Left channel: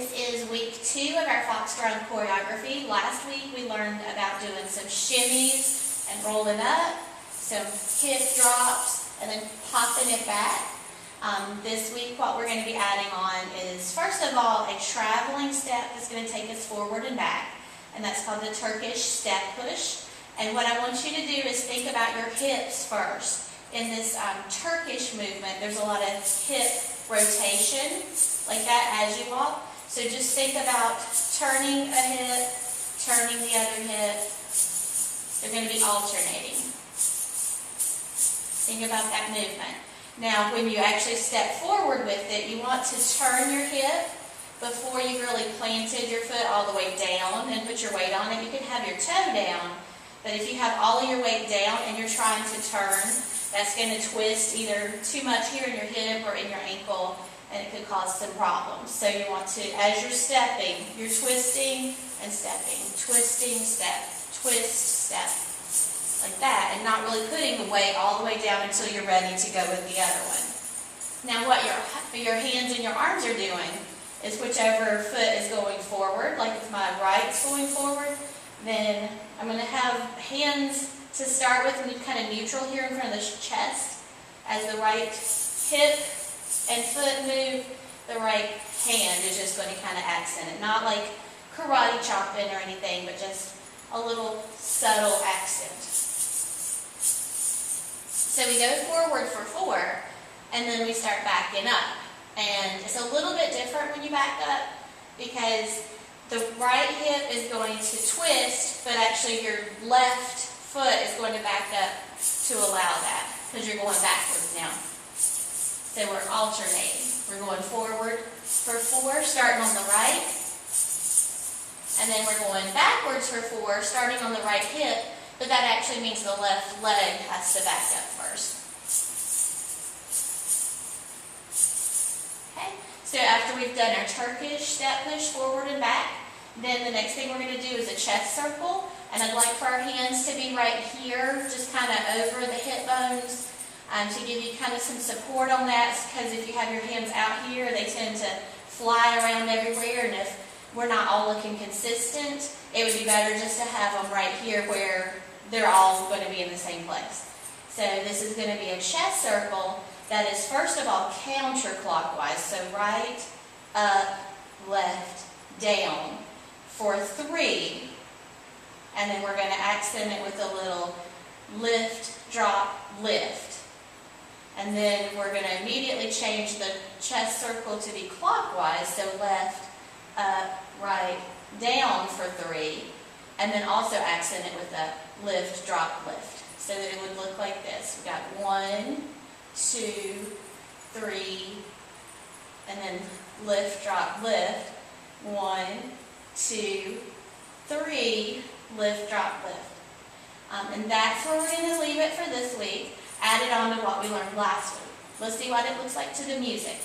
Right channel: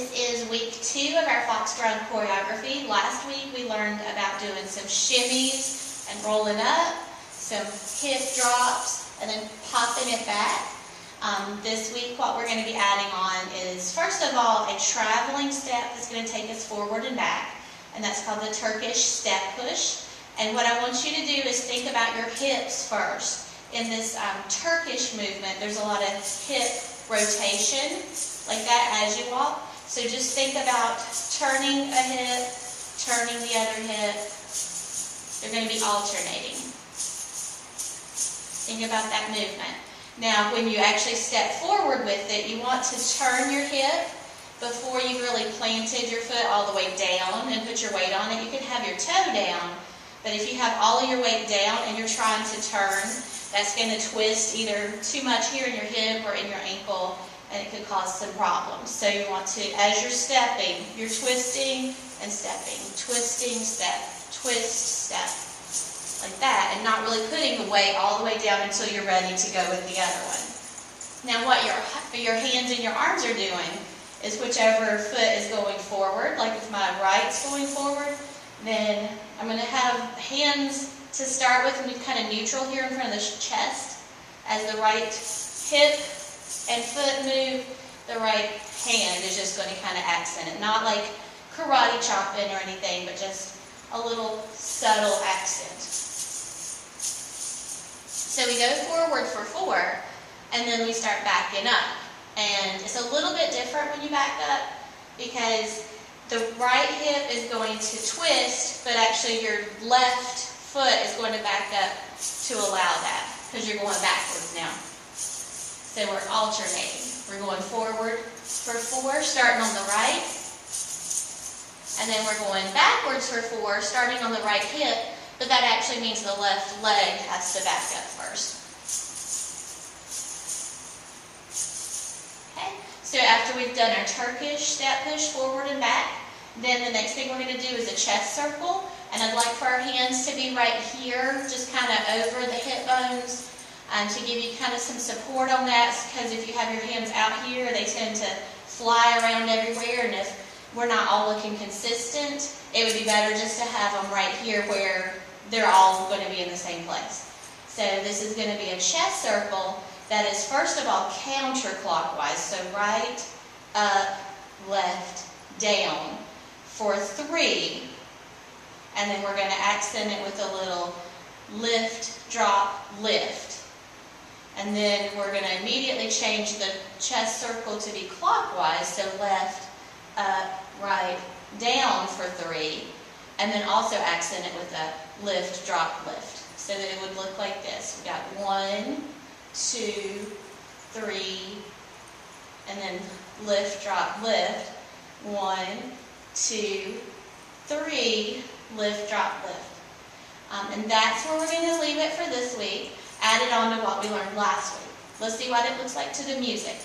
This is week 2 of our Foxgrown choreography. Last week we learned about doing some shimmies and rolling up, some hip drops, and then popping it back. This week what we're going to be adding on is, first of all, a traveling step that's going to take us forward and back, and that's called the Turkish step push. And what I want you to do is think about your hips first. In this Turkish movement, there's a lot of hip rotation, like that as you walk. So just think about turning a hip, turning the other hip. They're going to be alternating. Think about that movement. Now, when you actually step forward with it, you want to turn your hip before you've really planted your foot all the way down and put your weight on it. You can have your toe down, but if you have all of your weight down and you're trying to turn, that's going to twist either too much here in your hip or in your ankle, and it could cause some problems. So you want to, as you're stepping, you're twisting and stepping, twisting, step, twist, step, like that, and not really putting the weight all the way down until you're ready to go with the other one. Now what your hands and your arms are doing is whichever foot is going forward, like if my right's going forward, then I'm going to have hands to start with and be kind of neutral here in front of the chest. As the right hip and foot move, the right hand is just going to kind of accent it. Not like karate chopping or anything, but just a little subtle accent. So we go forward for 4, and then we start backing up. And it's a little bit different when you back up, because the right hip is going to twist, but actually your left foot is going to back up to allow that, because you're going backwards now. So we're alternating. We're going forward for 4, starting on the right, and then we're going backwards for 4, starting on the right hip, but that actually means the left leg has to back up first. Okay, so after we've done our Turkish step push forward and back, then the next thing we're going to do is a chest circle. And I'd like for our hands to be right here, just kind of over the hip bones, to give you kind of some support on that, because if you have your hands out here, they tend to fly around everywhere, and if we're not all looking consistent, it would be better just to have them right here where they're all going to be in the same place. So this is going to be a chest circle that is, first of all, counterclockwise, so right, up, left, down, for 3. And then we're going to accent it with a little lift, drop, lift. And then we're going to immediately change the chest circle to be clockwise, so left, up, right, down for 3. And then also accent it with a lift, drop, lift. So that it would look like this. We got 1, 2, 3, and then lift, drop, lift. 1, 2, 3, lift, drop, lift. And that's where we're going to leave it for this week, added on to what we learned last week. Let's see what it looks like to the music.